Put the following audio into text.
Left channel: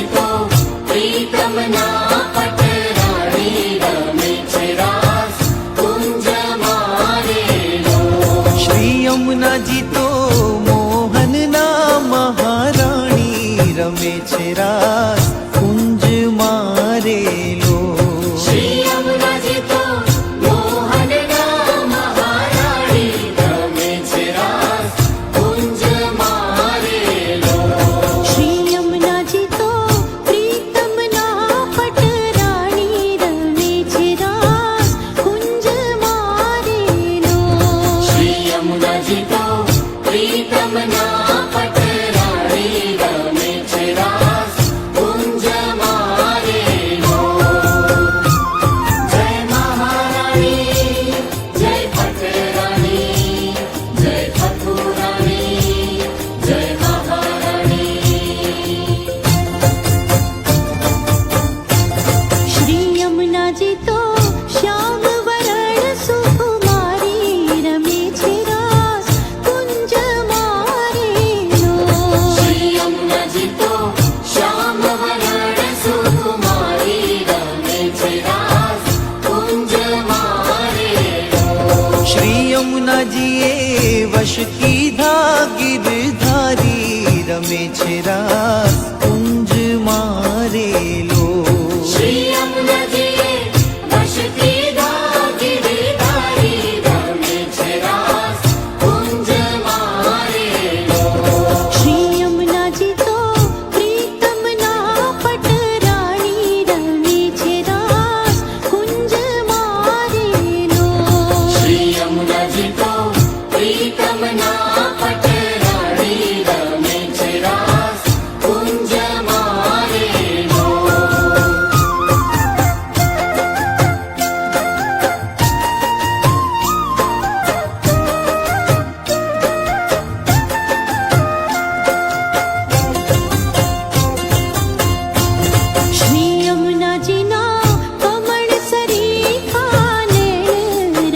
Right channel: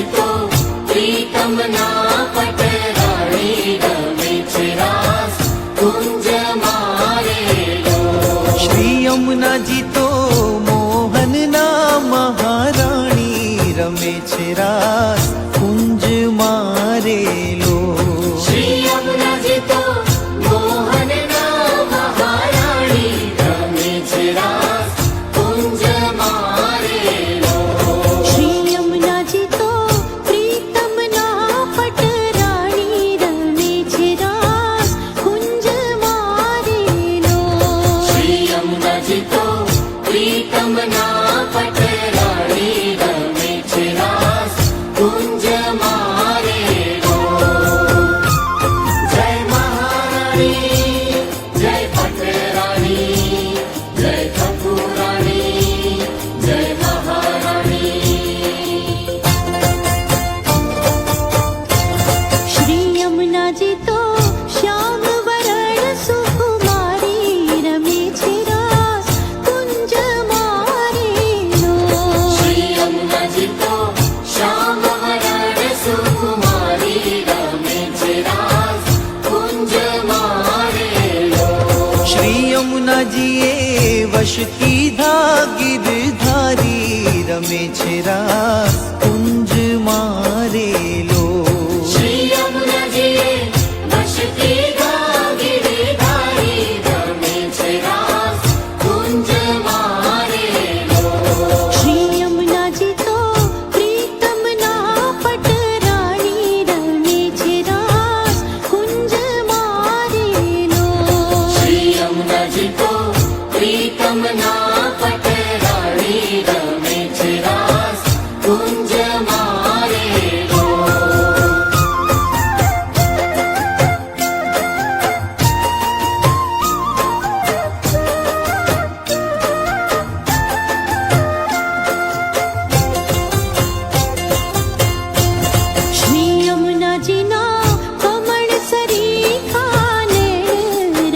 જીતો પ્રીતમ ના પટરાણી રમે છે રાસ કુંજ મારેલો. શ્રી યમુનાજી તો મોહનના મહારાણી રમે છે રાસ કુંજ મારેલો. શ્રી યમુનાજી તો મોહનના મહારાણી રમે છે રાસ કુંજ મારેલો. શ્રી યમુનાજી તો પ્રીતમના પટરાણી રમે છે રાસ કુંજ મારેલો. શ્રી યમુનાજી તો પ્રીતમ ના પટરાણી રમે છે રાસ કુંજ મારેલો. જય મહારાણી જય પટરાણી જય ઠાકુરાણી જય મહારાણી. શ્રી યમુનાજી તો શ્યામ વરણ સુકુમારી રમે છે રાસ કુંજ મારેલો. શ્રી યમુનાજી તો શ્યામ વરણ સુકુમારી રમે છે રાસ કુંજ મારેલો. શ્રી યમુનાજીએ વશ કીધા ગિરધારી રમે છે રાસ કુંજ માં